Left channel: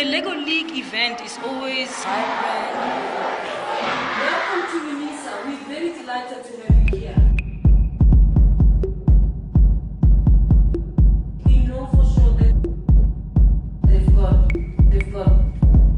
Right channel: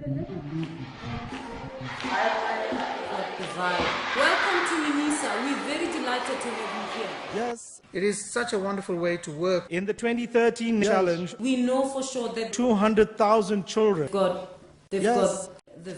The Lego League event is always vibrant. Welcome to Unisa. We're very delighted to have you here. Yes, it is such a wonderful way to work. In the 2013 challenge, we know for sure that 200,000 children they've got the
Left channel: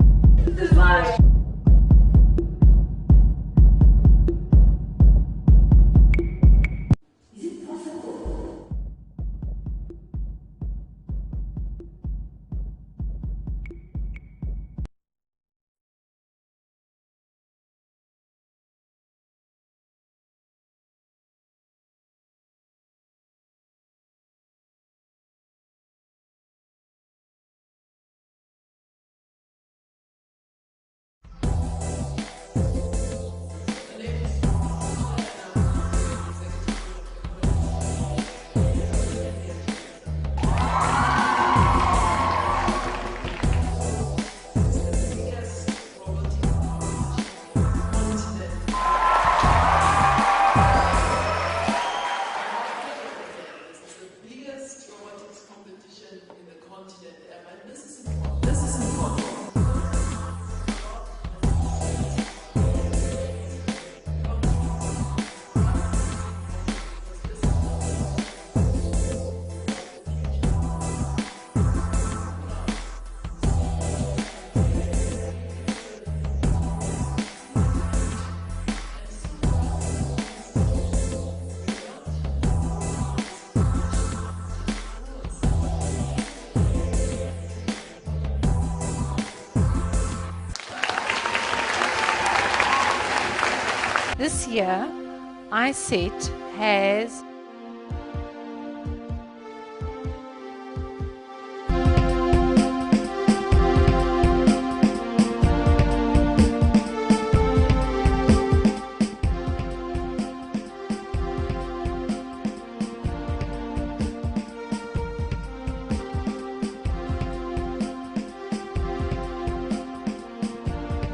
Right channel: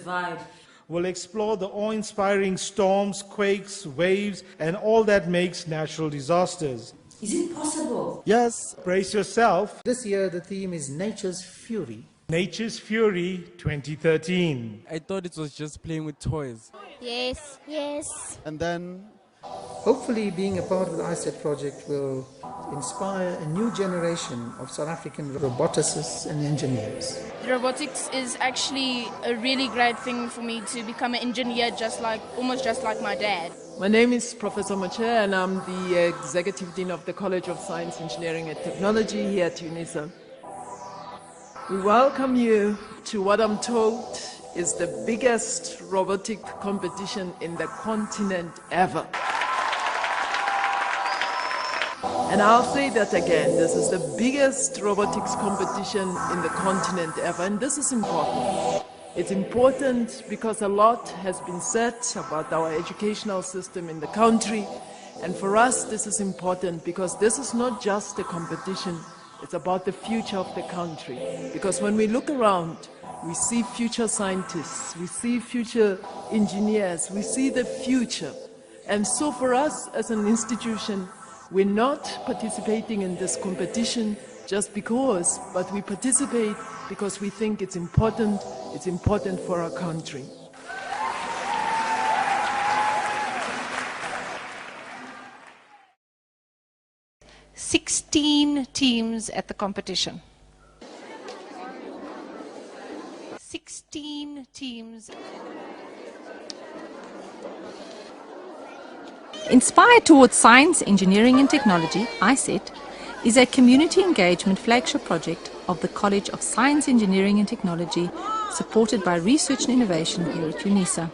vibe. The vibe. Explore the awe-inspiring storms, quakes, waves, and all that makes natural disasters. Is it possible? Yes, brace yourself. This year the theme is Nature's Fury. Nature's Fury 2013. I thought it was just playing with toys. Yes. Yes. And then, hopefully being a part of the ISET project will inspire a new generation of South African roboticists and engineers. Robotics is actually a really great thing for me to become an engineer, almost just like my dad. My name is Professor Mache and I'm the Executive Dean of the College of Science, Engineering and Technology here at Unisa. We welcome you to what I'm told is the biggest robotic competition in the continent ever. And I'll say that again, this is the biggest robotics competition in the continent ever, and this is important. It's important because a lot has been said about our educational system in the country, and for us this is important because this is not just a competition, it's about the future of the country. Because when we look around, we see future scientists, we see future engineers, we see the future. And so for us as an institution, we're not participating in this competition just because, but we participate because we think it's important for our country. This year, ISET has 16 teams at the competition. 16 teams. Inspired towards science, engineering and technology, ISET is a community engagement flagship project of the College of Science, Engineering and Technology, supported by Research and Innovation here at Unisa.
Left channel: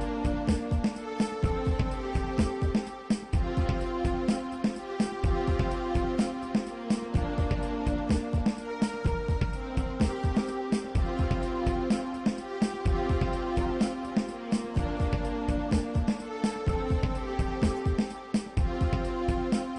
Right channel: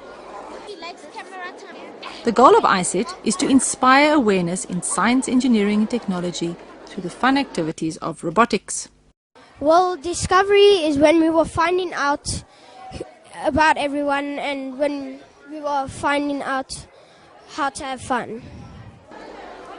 The goal of ISET is to inspire awareness in science, engineering and technology through the fun activities of robotics. Well, discovery is when we were finding out about everyone and when we were finding out how to have fun.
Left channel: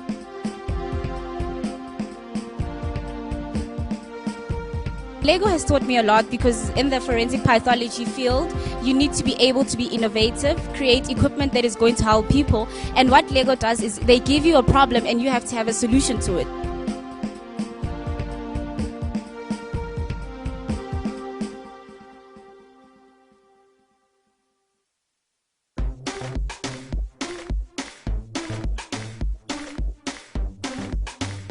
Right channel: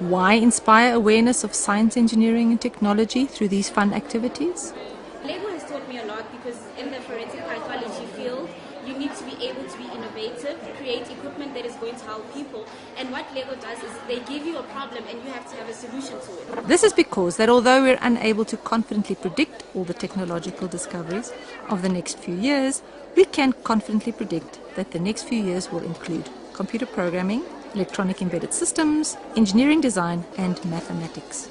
Why inspire awareness of science, engineering and technology through these fun activities? Lego has taught me a lot because in the forensic pathology field, you need to be able to be innovative, create equipment that is going to help people. And what Lego does is they give you a problem and you have to have a solution to it. This is because that although we're unable to confidently predict all the technological discoveries of the next few years, we can confidently predict that the next few years will include computer programming, electronic embedded systems, engineering design and mathematics.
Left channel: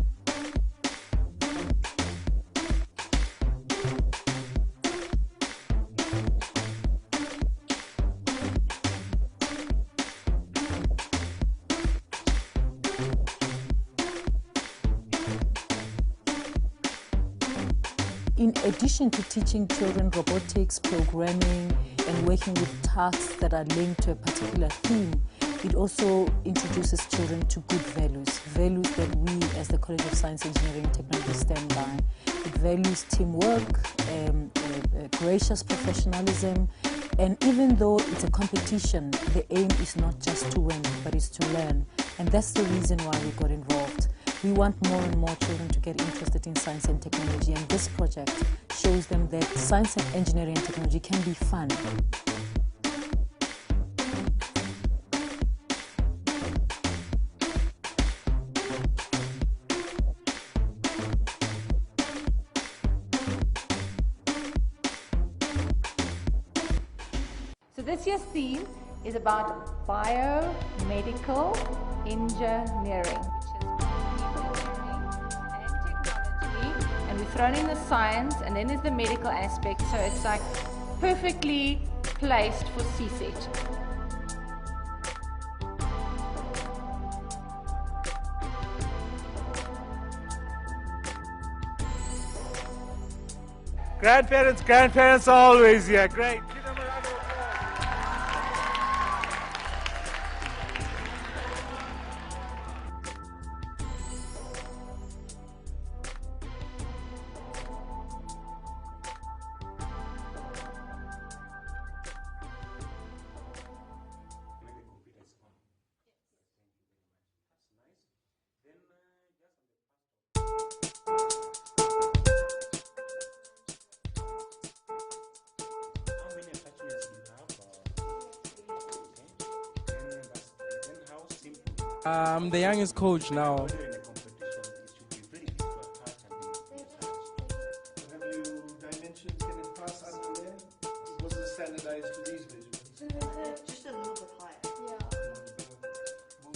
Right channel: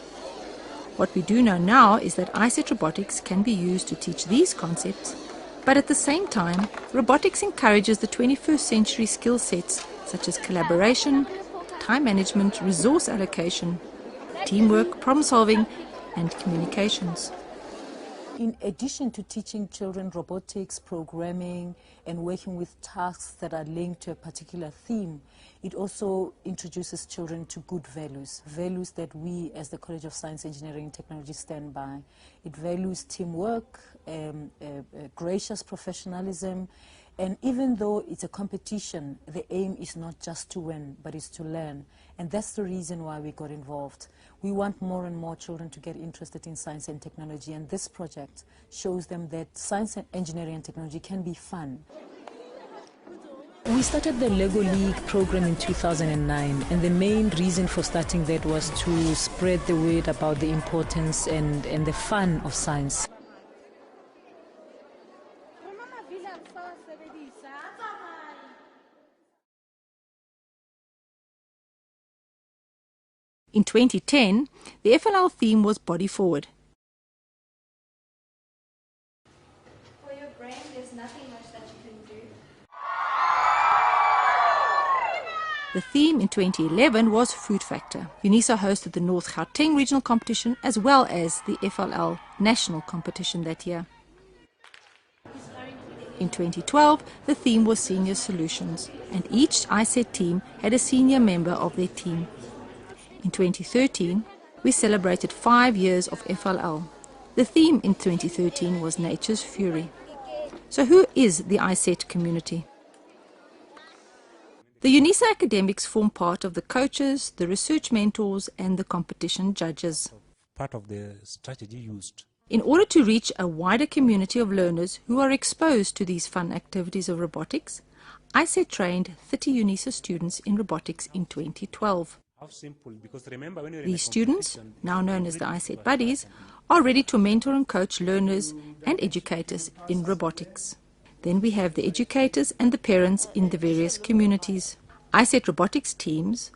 What we do know now is that ISET robotics can be used to teach these concepts, but at the same time, robotics encourages the 21st century skill sets such as collaboration, time management, resource allocation, teamwork, problem solving, and communications. In addition to teaching children robotics, programming, and working with tasks that are linked to a particular theme, it also introduces children to good values, values that we as the College of Science, Engineering and Technology stand by. It values teamwork, gracious professionalism, and even though it's a competition, the aim is not just to win, but it's to learn. And that's the reason why we got involved. We want more and more children to get interested in science and technology, and this project shows them that science and engineering and technology can be fun. We started the Lego League program in 2009, and the main reason for starting that was to spread the word about the importance and the fun of science. So this year's theme is about biomedical engineering. In 2010, the FLL theme was body forward. And we've thrown in the science and then there's the medical aspect, so it's like perfectly placed for CSET. The theme in 2011 was Food Factor. Unisa hosted the North Gauteng regional competition as well as the FLL national competition that year. Grandparents are always here. Great. In 2012, the theme was Senior Solutions, and each ISET team had a senior member of their team. In 2013, we celebrated 5 years of FLL. The theme in 2013 was Nature's Fury. So who is the ISET community? The Unisa academics form part of the coaches, the research mentors and the competition judges. Part of the strategy. In order to reach a wider community of learners who are exposed to these fun activities of robotics, ISET trained 30 Unisa students in robotics in 2012. I'm the youngest coach now. These students, now known as the ISET Buddies, are ready to mentor and coach learners and educators in robotics. Then we have the educators and the parents in the various communities. ISET robotics teams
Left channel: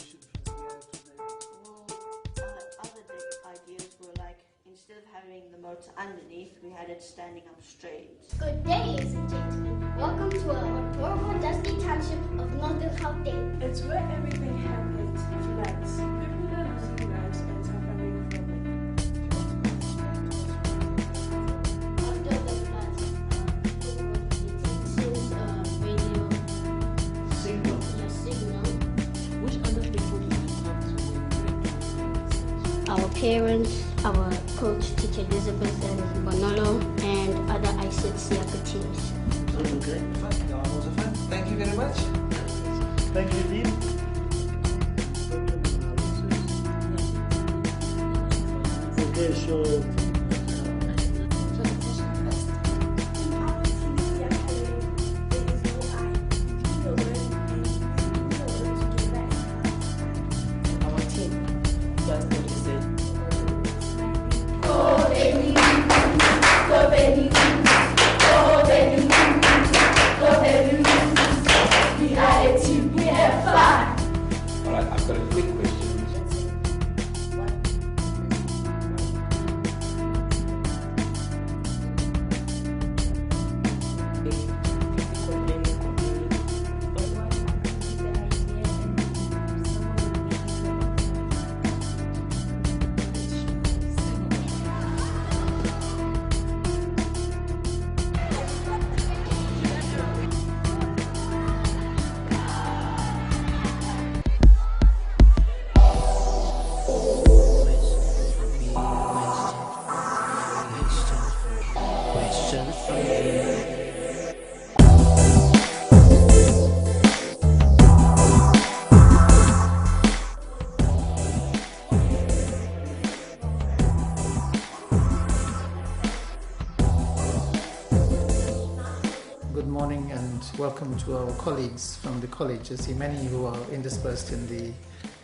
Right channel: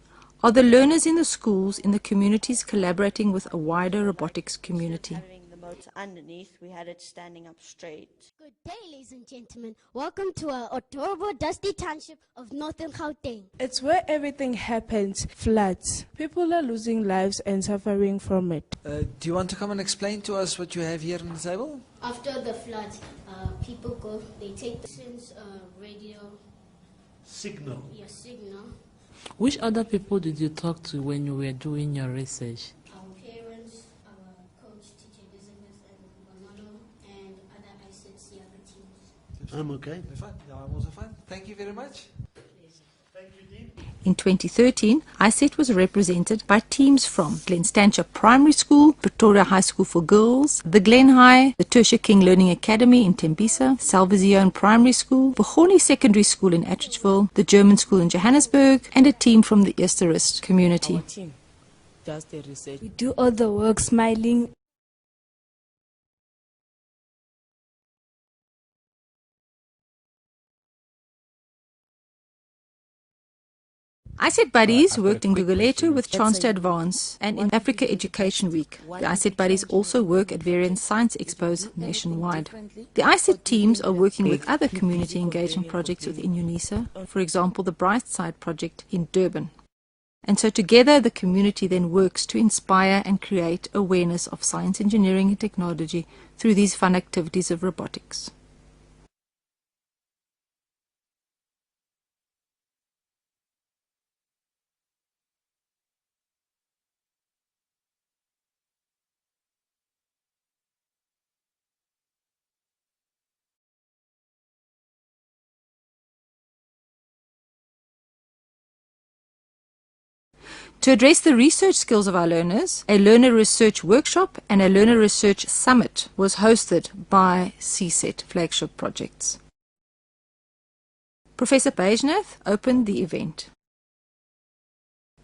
are the learners in the schools in the communities collaborating with a wider robotics community. The motor underneath, we had it standing up straight. Good day, ladies and gentlemen. Welcome to our adorable dusty township of Northern Gauteng. It's where everything happens. Floods. People are losing lives and suffering from it. Do you want to come and explain to us what you have here on the table? After the floods, people go, they take the SIM's radio Signal. signal. Which other people did you talk to when you were doing your research? Our parents, our coach, Teacher Elizabeth and Bonolo, and other ISET Siaka teams. Okay, fine. That was fun. Thank you very much. Thank you, Dean. In 2013, ISET was represented by teams from Glen Stancher Primary School, Pretoria High School for Girls, the Glen High, the Tertia King Learning Academy in Tembisa, Salvazion Primary School, Boholi Secondary School in Atteridgeville, the German School in Johannesburg, and a team from the Easterist community. Do all the work smiling. Go baby, go baby, go baby, go baby. We are a team, we have fun. ISET Buddies worked in Rigoletto with Chance to Advance and in Africa Education Week. The ISET Buddies also work at various science expos nationwide. The ISET teams are working with other community engagement projects within Unisa, for example the Bright Side project in Durban. And so together the community then works to inspire and create awareness of science, engineering and technology through these fun activities of robotics. To address the research skills of our learners, a learner research workshop and a learner research summit was hosted by CSET Flagship Projects. Good morning and welcome to our Professor colleagues from Pajnev the colleges, opened the many event. who are interspersed in the,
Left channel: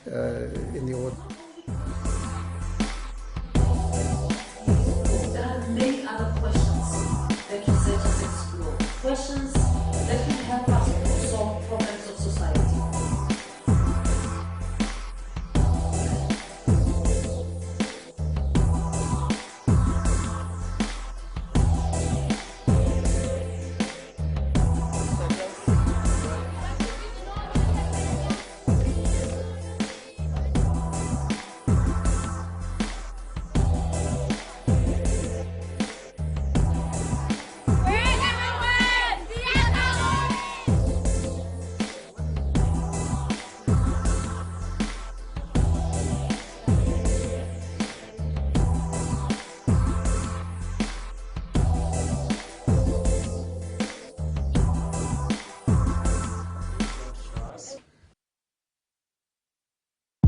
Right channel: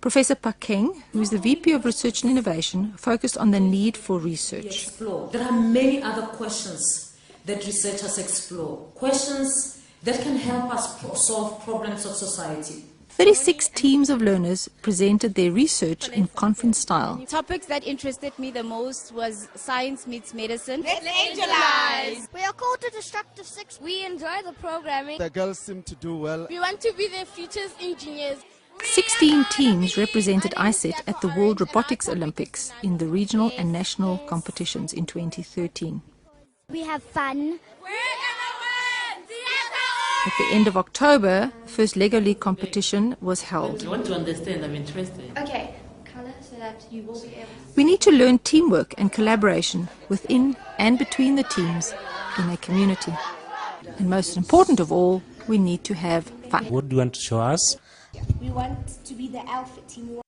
Professor in Pakeng, the who is the VP of Research and Innovation, focused on the need for research. There are many other questions that researchers explore. Questions that can help us solve problems of society. 36 teams of learners presented their research in conference style. The topics that interested me the most was science meets medicine. Let's angelize! We are called to Destructive 6. We enjoy the programming. The girls seem to do well. We want to be the future's engineers. 16 teams represented ISET at the World Robotics Olympics in the regional and national competitions in 2013. We have fun. At the end of October, the first Lego League competition was held. I want to understand, I'm interested. Okay. We need to learn teamwork and collaboration within and between the teams in a community. And most important of all, we need to have fun. What do you want to show us? We want to be the alpha team.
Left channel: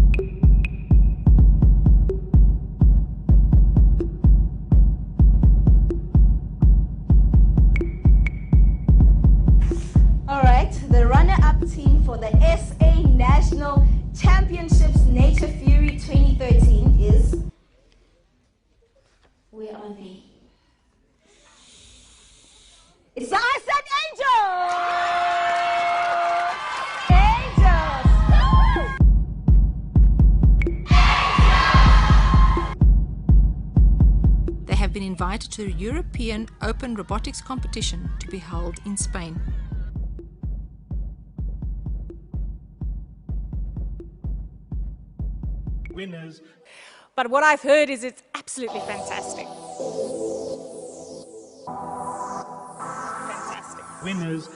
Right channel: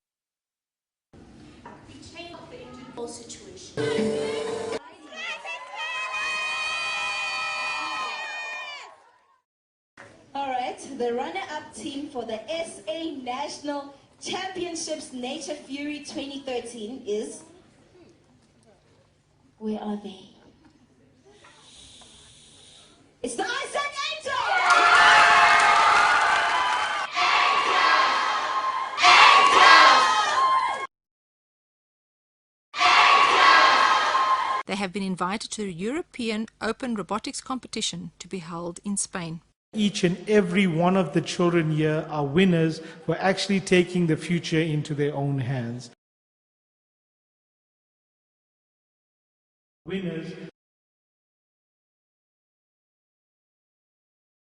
Alright, the runner-up team for the SA National Championships Nature Fury 2013 is... Where are they? It's ISET Angels! They have been invited to the European Open Robotics Competition to be held in Spain. Each and every one of the children here are winners for actually taking the future into their own hands. Winners. But what I've heard is it's absolutely fantastic. Winners. Fantastic. Winners.